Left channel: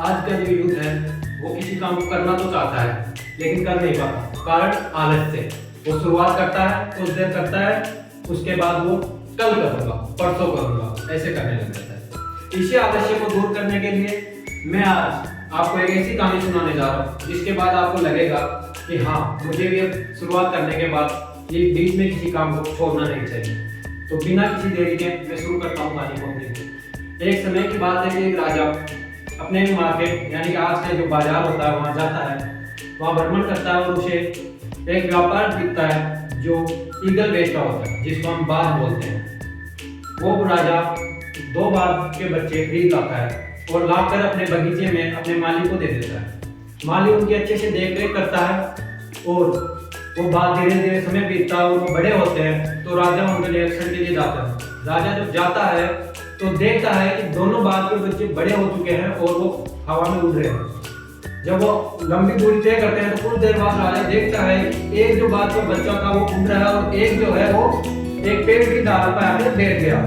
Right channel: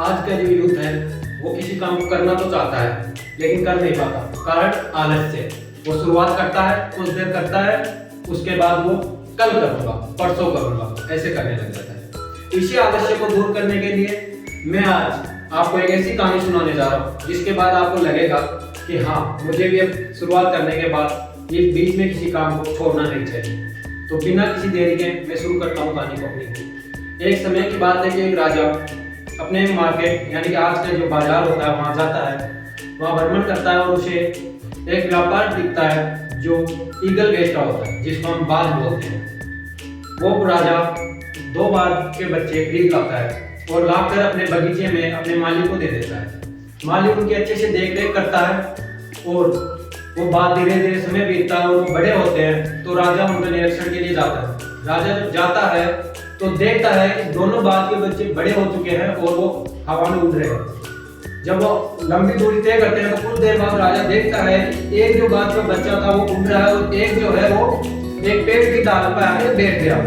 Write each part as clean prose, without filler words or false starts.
आज का जो यूथ है वो किसी काम को करना तो चाहता है लेकिन कर नहीं पाता, कारण आलस से। वो शुरुआत करता है, कुछ देर करता है, उसके बाद वो कल करूंगा, परसों करूंगा, ऐसे करने लग जाता है। इसी आलस्य को दूर करने के लिए मैं आज आपको एक ऐसी कहानी सुनाने जा रहा हूँ जिसके बाद आपको लगेगा कि हाँ, मुझे भी अब शुरुआत करने के बाद ये बीच में किसी काम को छोड़ना नहीं चाहिए। तो बिना किसी देरी के मैं शुरू करता हूँ कहानी को अपनी। एक समय की बात है कि एक राजा अपने मार्केट यानी कि आज का जो बाजार होता है वहाँ जाता है, वहाँ भ्रमण करता है और उसे एक व्यापार दिखता है जो ईगल बेचता होता है, जिसको हम बाघ बोलते हैं। वो राजा 2 बाघ के बच्चे खरीद लाता है और लाकर अपने बगीचे में अपने मालिक को दे देता है। मालिक उनकी अच्छे से देख रेख करता है और वो बात धीरे धीरे समय बीतता है और वो बड़े होते हैं। तो राजा उनका निरीक्षण के लिए जाता है। राजा जब जाता है तो देखता है कि दोनों बाघ के बच्चे बड़े हो चुके हैं और वो हवा में उड़ रहे हैं। जब वो लंबी दूरी तय करते हैं तो कुछ देर बाद राजा देखता है कि एक जो बाघ का बच्चा था वो उड़ रहा है और एक जो है वो एक पेड़ की डाल पर आकर बैठ गया।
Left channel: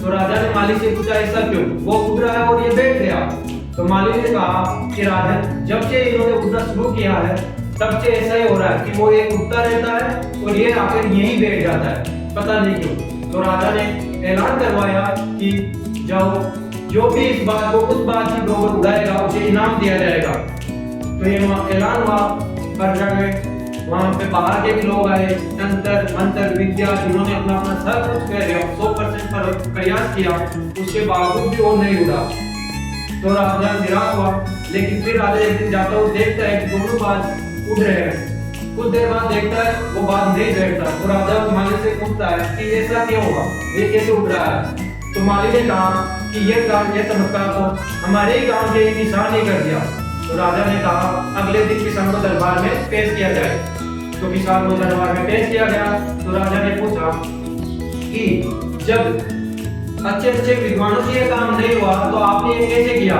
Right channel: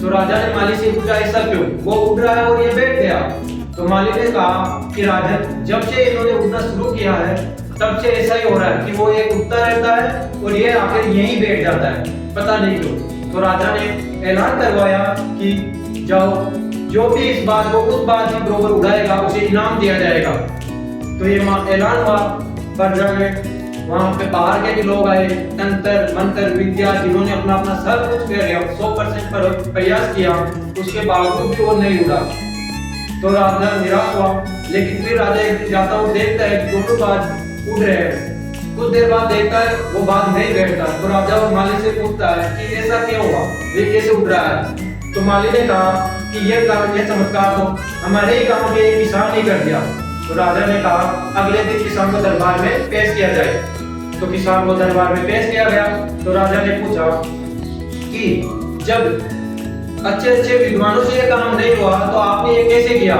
तो राजा ने मालिक से पूछा, ऐसा क्यों? वो उड़ रहा है और ये बैठ गया। तो मालिक ने कहा कि राजन, जब से इन्होंने उड़ना शुरू किया है तब से ऐसा ही हो रहा है कि वो ये उड़ता रहता है और ये आकर यहीं बैठ जाता है, पता नहीं क्यों। तो राजा ने ऐलान करवाया कि जाओ, जो भी इस बात को उस बात की बरोबर उड़ाएगा उसे इनाम दिया जाएगा। तो ये ऐलान हुआ। प्रजा में वहाँ पे बाहर के भी लोग आए, तंत्र मंत्र विद्या जिन्होंने अपना अपना सब कुछ कर लिया, 100% प्रयास किया, उसके बावजूद भी वो नहीं उड़ा। तो राजा निराश हुआ। लेकिन फिर राजा एक दिन जाता हुआ देखता है कि दोनों बाघ उड़ रहे हैं। कुछ देर बाद देखता है वो बाघ नहीं बैठता। तो राजा मालिक से पूछता है कि ऐसा क्यों हुआ, ये कैसे उड़ रहा है? तो मालिक ने कहा कि ये चमत्कार तो हमारे ही गांव के एक किसान ने कर दिया। तो राजा ने कहा अगले दिन किसान को दरबार में पेश किया जाए। तो किसान को दरबार में पेश किया गया। तो राजा ने पूछा कि जब अच्छे अच्छे विद्वानों से ये काम नहीं हुआ तो आपने ये कैसे किया?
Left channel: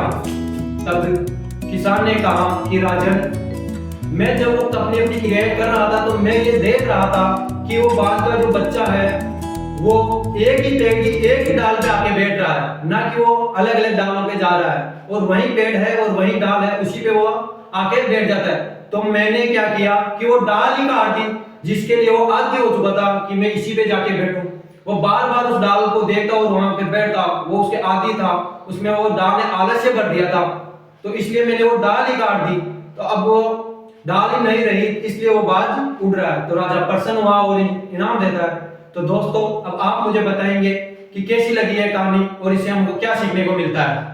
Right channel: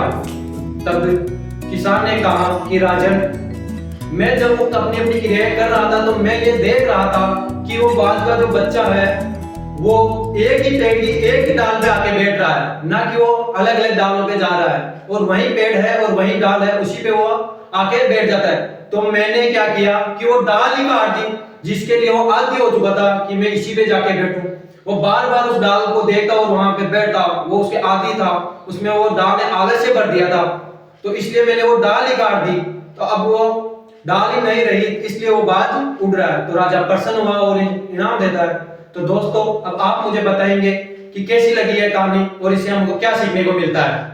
तब किसान ने कहा कि राजन, मैं जब अपनी अपनी क्रियाएं कर रहा था तो मैं ये देख रहा था कि वो बाघ का जो बच्चा है वो एक ही पेड़ की एक ही डाल पे आके बैठ रहा है, ना कि वो अलग अलग डालों पे जा रहा है। और वही पेड़ है और वही डाल है, उसी पे वो आके बैठ जाता है। तो मैंने क्या किया कि वो डाल ही काट दी, जिसके लिए वो आदी हो चुका था कि मैं इसी पे जाके बैठूं। वो बार बार उस डाल को देखता और वहां पे बैठता, वो उसके आदी था, उसमें वो डाल ने आलस्य भर दिया था, तो इसलिए मैंने वो डाल ही काट दी। तो अब वो डाल ही नहीं रही, इसलिए वो बाज उड़ रहा है। तो राजा प्रसन्न हुआ और इनाम देता है। तो दोस्तों, अब आप मुझे बताएंगे कि कैसी लगी है कहानी और इससे हमको क्या सीखने को मिलता है।